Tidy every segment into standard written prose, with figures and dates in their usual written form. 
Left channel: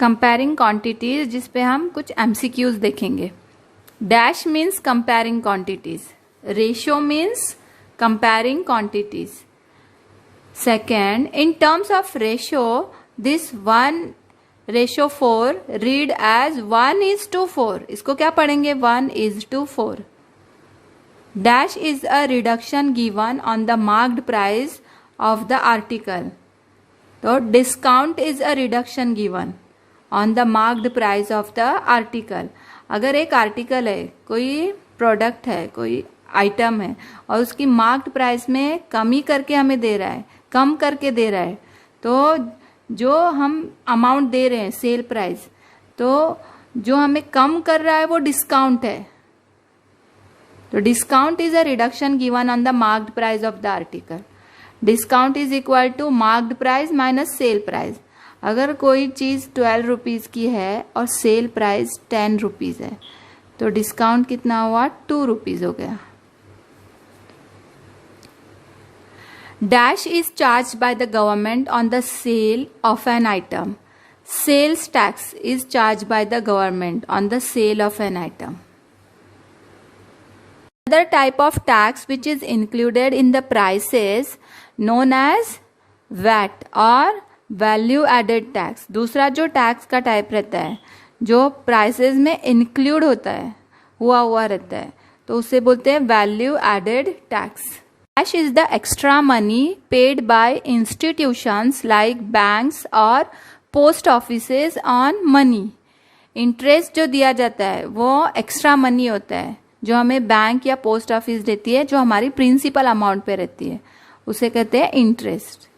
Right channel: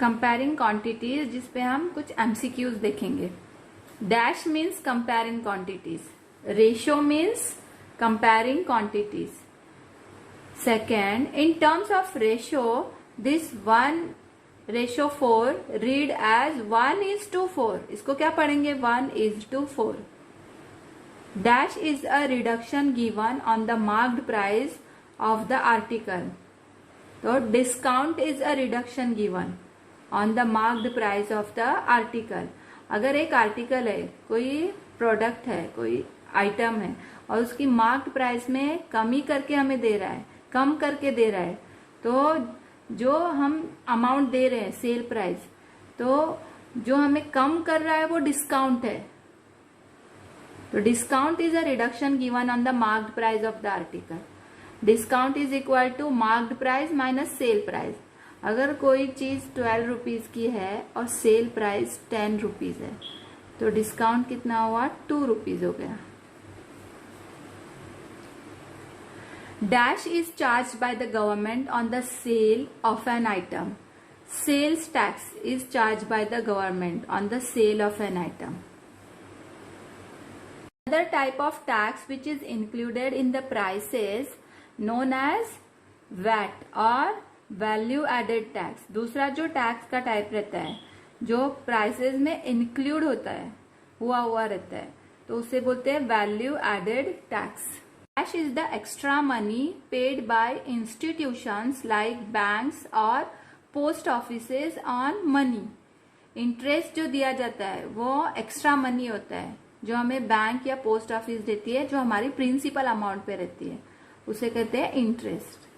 Comparing quantities, जिस पे हम कुछ एमसीक्यूज देखेंगे। Dash means comparing quantities, ratio means comparing quantities. Second, in terms of ratio this 1:4 read as 1:4। इसको क्या पढ़ेंगे? 1:4। Dash is a reduction given on the marked price of the article. तो discount is a reduction given on the marked price of the article. अगर एक article है, कोई product है, कोई आइटम है और उसकी मार्क्ड प्राइस में कमी करके हमें दे रहा है, कम करके दे रहा है, तो जो हम अमाउंट दे रहे हैं सेल प्राइस, तो जो हमें कम कर रहा है वो डिस्काउंट है। तो discount is a reduction given on the marked price of the article. Discount is equal to marked price minus sale price. अगर कोई चीज 12 रुपीज की है और सेल प्राइस 10 रुपीज है, तो डिस्काउंट कितना हुआ? 2 रुपीज हो गया। Dash is charged by the government on the sale of an item. Sales tax is charged by the government on the sale of an item. Another type of tax which is included in the price is known as VAT or value added tax. दूसरा जो tax का type रहता है, जो prices में include होता है, हुआ रहता है, तो उसे बोलते हैं value added tax. Cash is the extra money paid by institutions like banks or post offices on money. Interest जो दिया जाता है वो एक्स्ट्रा मनी होता है, जो हमें बैंक या पोस्ट ऑफिस देती है, जो हमारी प्रिंसिपल अमाउंट पे रहती है, उसे कहते हैं interest.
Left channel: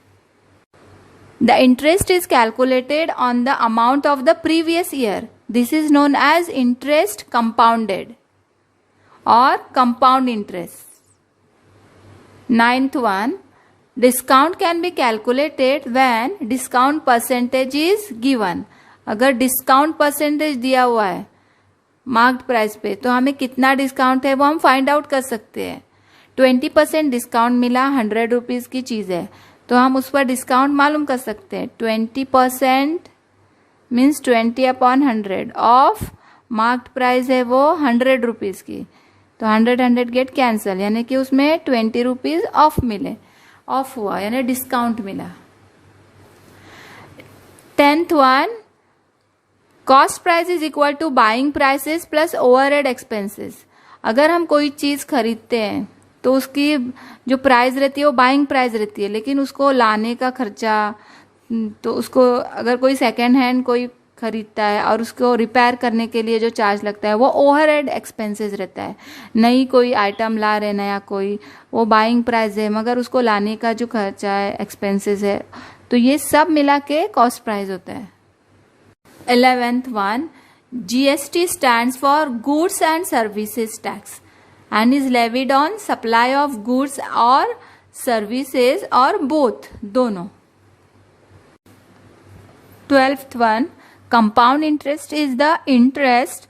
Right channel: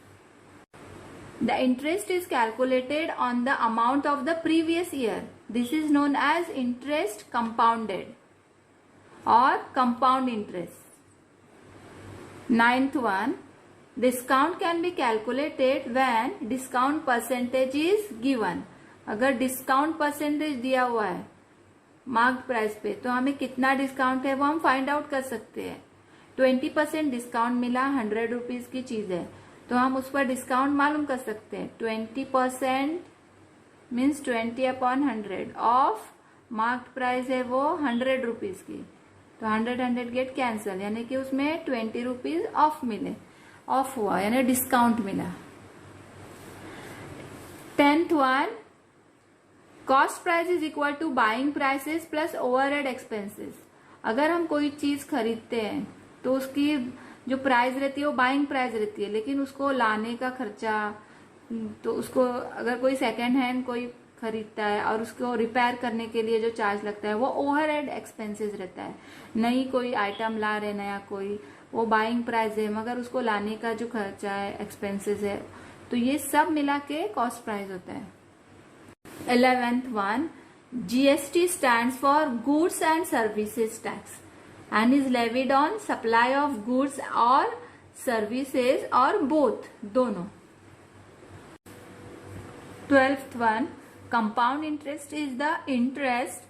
The interest is calculated on the amount of the previous year. This is known as interest compounded और compound interest. Ninth one, discount can be calculated when discount percentage is given. अगर discount percentage दिया हुआ है marked price पे, तो हमें कितना discount है वो हम फाइंड आउट कर सकते हैं। 20% डिस्काउंट मिला, 100 रुपीज की चीज है, तो हम उस पर डिस्काउंट मालूम कर सकते हैं। 20% मीन्स 20/100 ऑफ मार्क्ड प्राइस है वो 100 रुपीज की, तो 100 गेट कैंसल, यानी कि उसमें 20 रुपीज ऑफ मिले, ऑफ हुआ यानी डिस्काउंट मिला। 10th one, cost price is equal to buying prices plus overhead expenses. अगर हम कोई चीज खरीदते हैं तो उसकी जो प्राइस रहती है वो बाइंग प्राइस रहती है, लेकिन उसको लाने का खर्चा, तो उसको अगर कोई सेकेंड हैंड कोई खरीदता है और उसको रिपेयर करने के लिए जो चार्ज लगता है वो ओवरहेड एक्सपेंसेस रहता है। नई कोई आइटम ला रहे नया कोई, वो बाइंग प्राइस है, मगर उसको लाने का जो खर्चा है, एक्सपेंसेस है, तो ये सब मिला के कॉस्ट प्राइस होता है। 11th one, GST stands for goods and services tax and is levied on supply of goods और सर्विसेज और बोथ, दोनों। 12th one, compound interest is the interest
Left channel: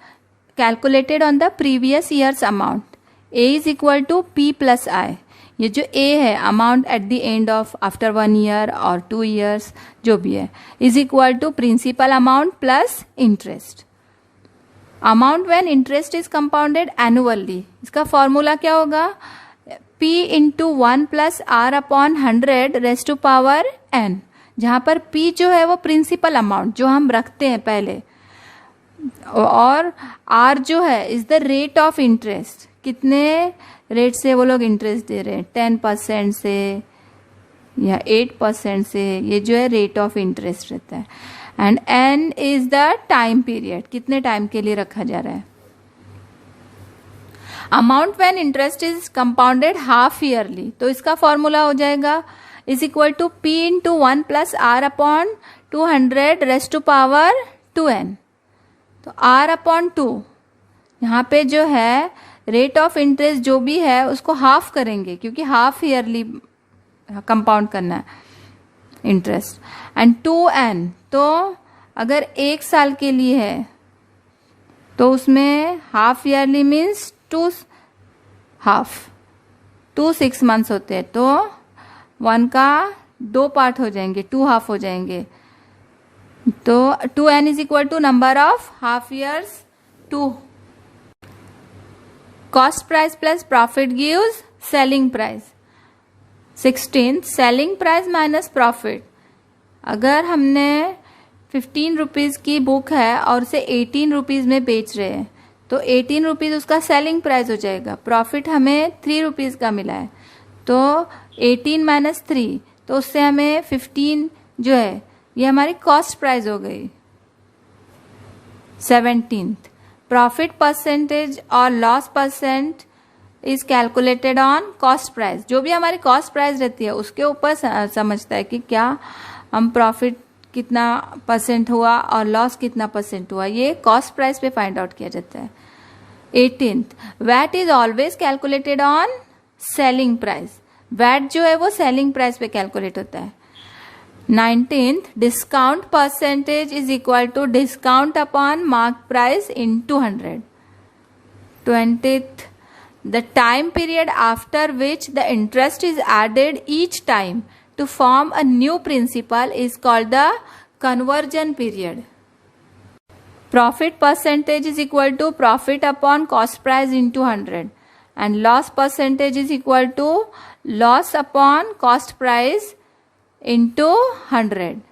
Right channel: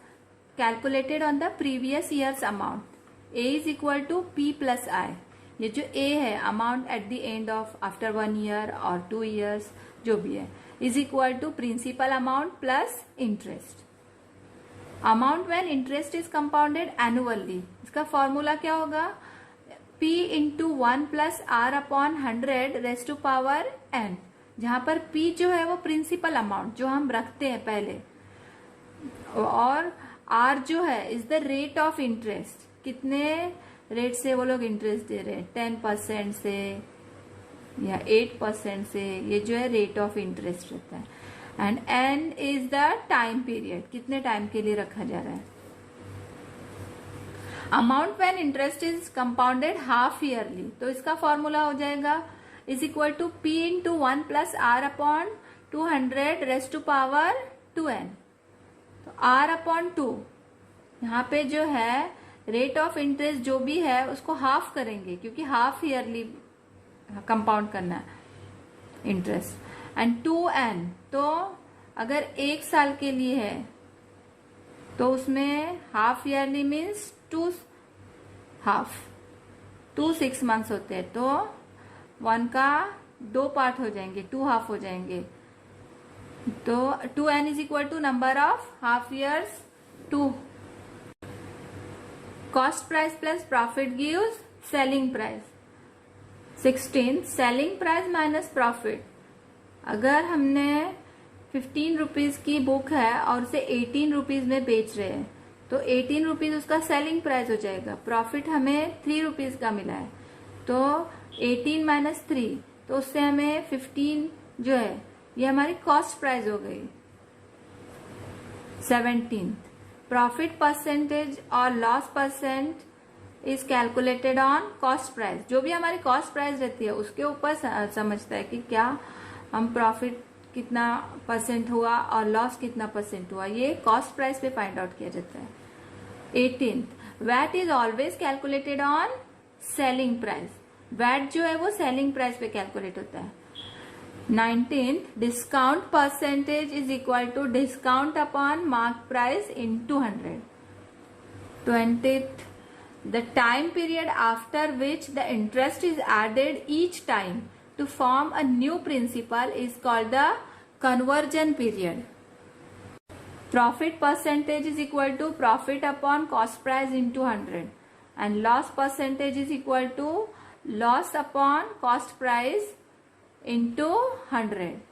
calculated on the previous year's amount. A is equal to P plus I. ये जो A है amount at the end of after 1 year और 2 years जो भी है, is equal to principal amount plus interest. Amount when interest is compounded annually, इसका formula क्या होगा? P into 1 plus R upon 100 raised to power N, जहां पर P जो है वो प्रिंसिपल अमाउंट जो हम रखते हैं पहले, और R जो है is the rate of interest, कितने रेट से वो लोग इंटरेस्ट दे रहे हैं, 10% से या 8% से, ये जो है रेट ऑफ इंटरेस्ट रहता है। And N is the time period, कितने टाइम के लिए रखा जा रहा है। Amount when interest is compounded half yearly, तो इसका फॉर्मूला हो जाएगा is equal to P into 1 plus R upon 200 raised to power 2n। तो R upon 2, यहाँ पे जो है रेट ऑफ इंटरेस्ट जो भी है उसको हाफ करेंगे, क्योंकि हाफ ईयरली कंपाउंड करना है इंटरेस्ट, एंड 2n, तो अगर 1 साल के लिए है तो उसमें हाफ ईयरली मीन्स 2 6 मंथ्स होते हैं, तो 1 का 2 पार्ट हो जाएंगे, 2 हाफ हो जाएंगे, तो 2n is equal to number of half years 2. Cost price plus profit gives selling price. 16 selling price minus profit. अगर हमने 15 रुपीज़ की बुक है और उसे 18 रुपीज़ में बेच रहे हैं तो 18 रुपीज़ उसका सेलिंग प्राइस हो जाएगा. प्रॉफिट हमें 3 रुपीज़ का मिला है तो 18 माइनस 3, तो उससे हमें 15 जो है ये हमारी कॉस्ट प्राइस हो गई. 17 प्रॉफिट परसेंटेज और loss percent is calculated on cost price. जो भी हमारी कॉस्ट प्राइस रहती है उसके ऊपर समझता है कि क्या हम प्रॉफिट कितना परसेंट हुआ और लॉस कितना परसेंट हुआ, ये कॉस्ट प्राइस पे फाइंड आउट किया जाता है. 18 VAT is always calculated on selling price. VAT जो है वो सेलिंग प्राइस पे कैलकुलेट होता है. 19 discount percentage is equal to discount upon mark price into 100. 20 the time period after which the interest is added each time to form a new principal is called the conversion period. Profit percentage is equal to profit upon cost price into 100 and loss percentage is equal to loss upon cost price into 100.